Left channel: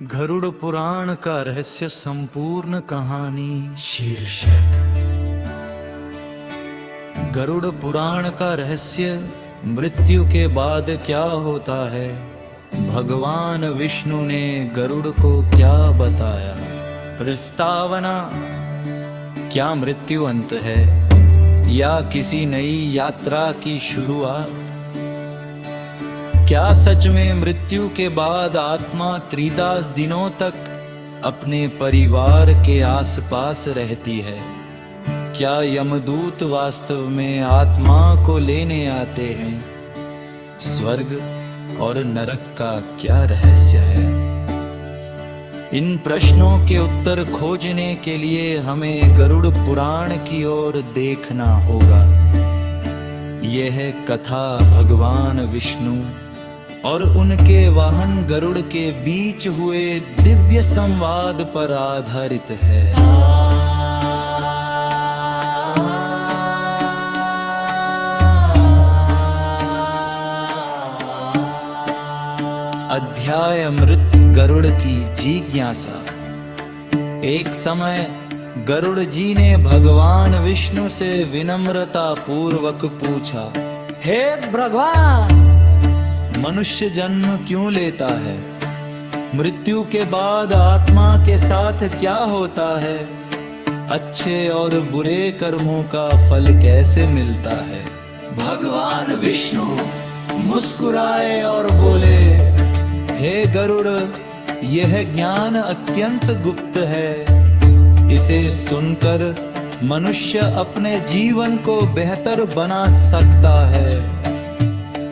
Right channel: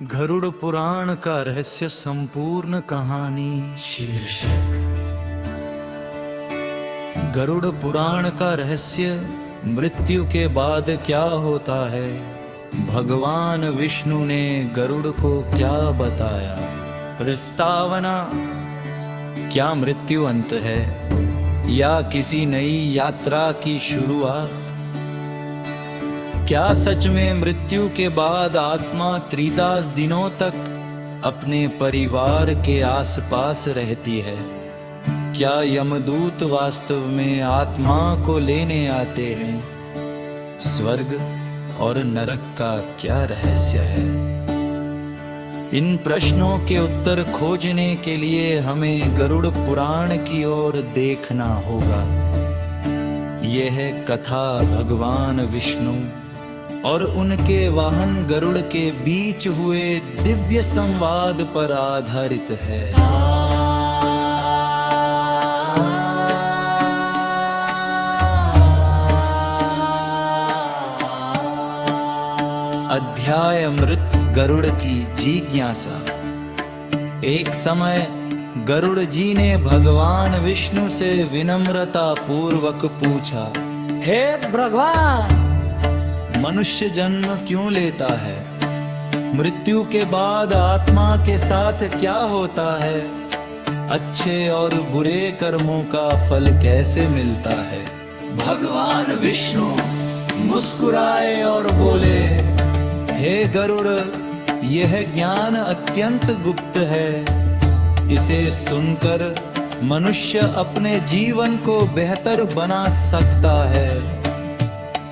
गरुड़ पुराण का रहस्य संपूर्ण कहानी शीर्षक। गरुड़ पुराण का रहस्य, मृत्यु के बाद क्या होता है, भगवान विष्णु ने गरुड़ को क्या बताया। प्रस्तावना: क्या मृत्यु अंत है या किसी नई यात्रा की शुरुआत? क्या सच में मृत्यु के बाद आत्मा त्रिदास दिनों तक अपने परिवार के आसपास रहती है? क्या यमदूत वास्तव में आत्मा को लेने आते हैं? स्वर्ग और नरक का क्या रहस्य है? इन प्रश्नों के उत्तर खोजने के लिए हमें गरुड़ पुराण की ओर देखना होगा। यह कथा भगवान विष्णु और उनके वाहन गरुड़ के बीच हुए दिव्य संवाद पर आधारित है। अध्याय: मृत गरुड़ की जिज्ञासा। एक समय गरुड़ जी ने भगवान विष्णु से विनम्रता पूर्वक पूछा, हे भगवान, मनुष्य जन्म क्यों लेता है? मृत्यु के बाद आत्मा के साथ क्या होता है? अच्छे और बुरे कर्मों का फल कैसे मिलता है? भगवान विष्णु मुस्कुराए और बोले, हे गरुड़, यह ज्ञान अत्यंत गुप्त है। इसे सुनकर मनुष्य अपने जीवन को बेहतर बना सकता है।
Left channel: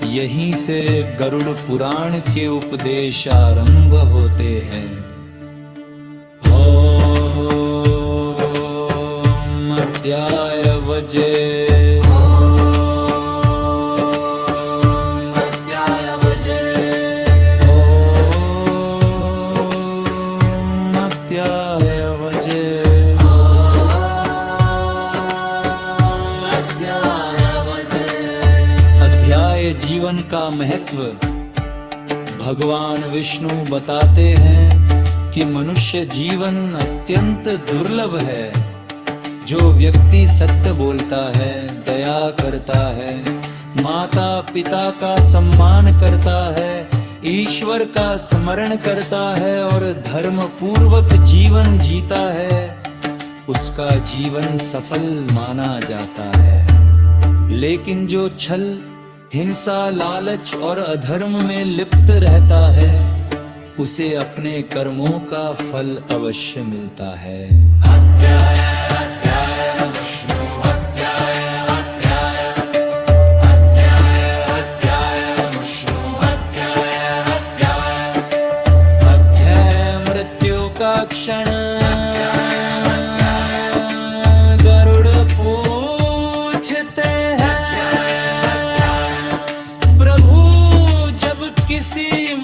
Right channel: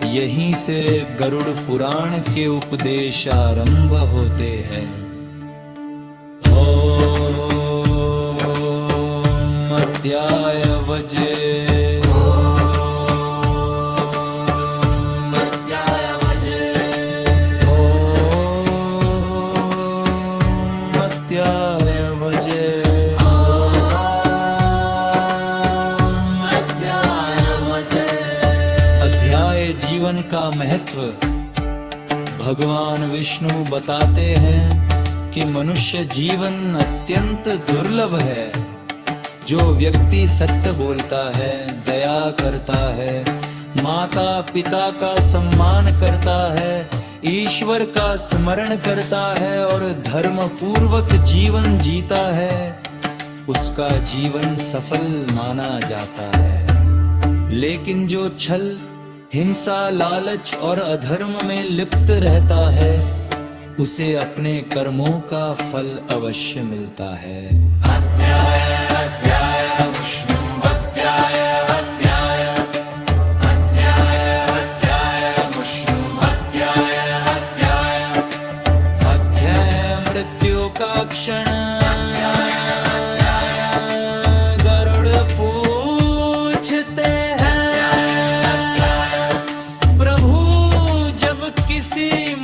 यहीं से गरुड़ पुराण के उपदेश आरंभ होते हैं। ओम अध्याय वजे। जीवन का महत्व। भगवान विष्णु बताते हैं कि मनुष्य जीवन अत्यंत दुर्लभ है। जो व्यक्ति सत्य बोलता है, दया करता है, माता पिता का सम्मान करता है, ईश्वर का स्मरण करता है और धर्म पूर्वक जीवन जीता है, उसका जीवन सफल माना जाता है। लेकिन जो छल, हिंसा, लालच और अधर्म में लिप्त रहता है, उसे अपने कर्मों का फल अवश्य मिलता है। अध्याय अध्याय विष्णु अध्याय अध्याय अध्याय अध्याय विष्णु अध्याय अध्याय अध्याय मृत्यु का क्षण।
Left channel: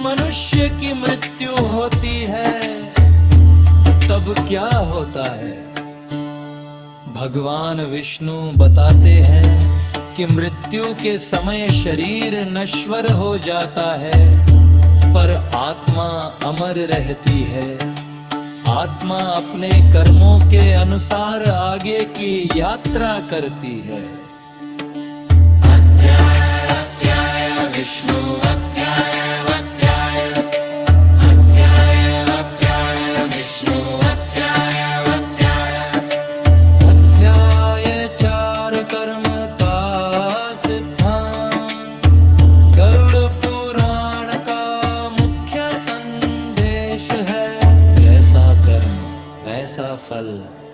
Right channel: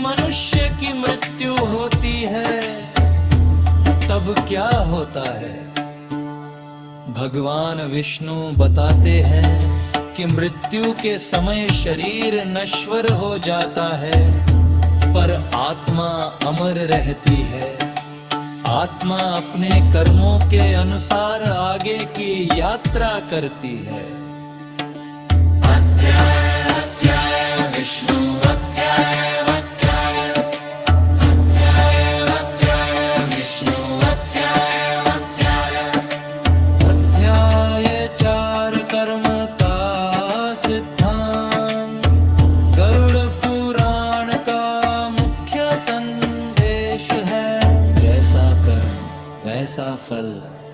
मनुष्य की मृत्यु होती है तब क्या होता है? भगवान विष्णु बताते हैं कि मृत्यु के समय शरीर नश्वर हो जाता है, पर आत्मा अमर रहती है। आत्मा अपने कर्मों के अनुसार आगे की यात्रा करती है। अध्याय अध्याय विष्णु फल।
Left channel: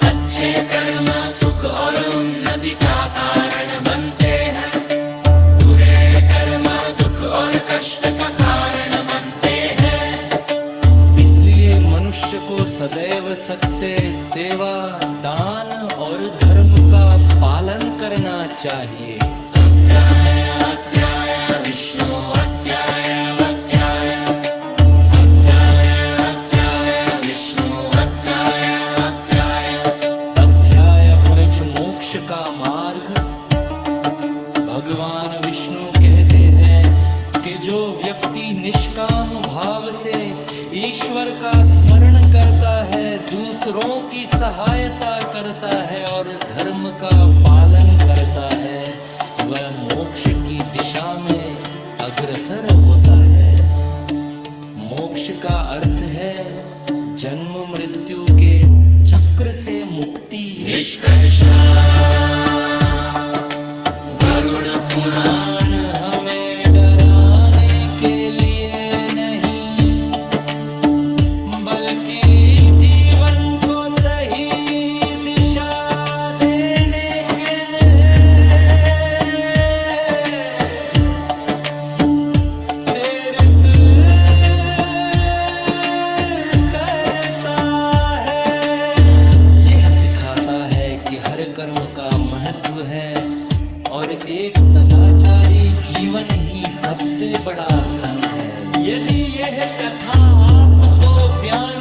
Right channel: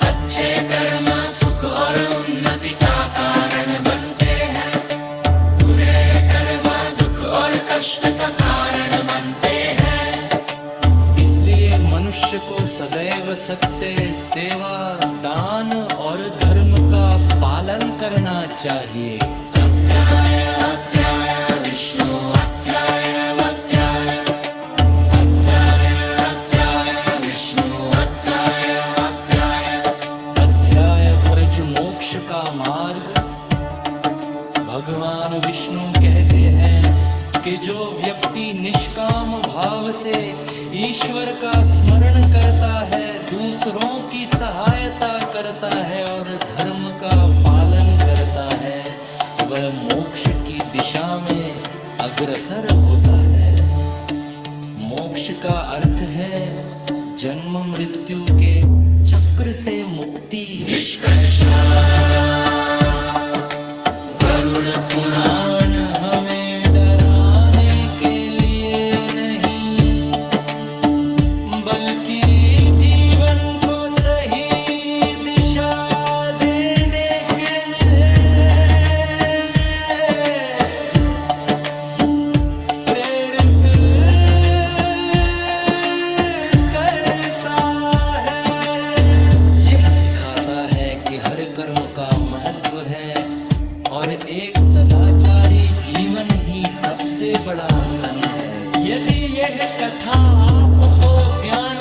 अच्छे कर्म सुख और उन्नति का कारण बनते हैं, बुरे कर्म दुख और कष्ट का कारण बनते हैं। इसलिए मनुष्य को सदैव सत्य, सेवा, दान और धर्म का पालन करना चाहिए। अध्याय अध्याय विष्णु अध्याय अध्याय अध्याय अध्याय विष्णु का मार्ग। भगवान विष्णु कहते हैं कि जो व्यक्ति निष्काम भाव से ईश्वर का स्मरण करता है, दूसरों की सहायता करता है और धर्म का पालन करता है, वह मोक्ष की दिशा में अग्रसर होता है। मोक्ष का अर्थ है जन्म मृत्यु के चक्र से मुक्ति। निष्कर्षा गरुड़ पुराण हमें डराने के लिए नहीं, बल्कि जीवन को सही दिशा देने के लिए प्रेरित करता है। यह सिखाता है कि हर कर्म का महत्व है और एक सदाचारी जीवन ही सबसे बड़ा धन है। यदि यह कथा आपको ज्ञान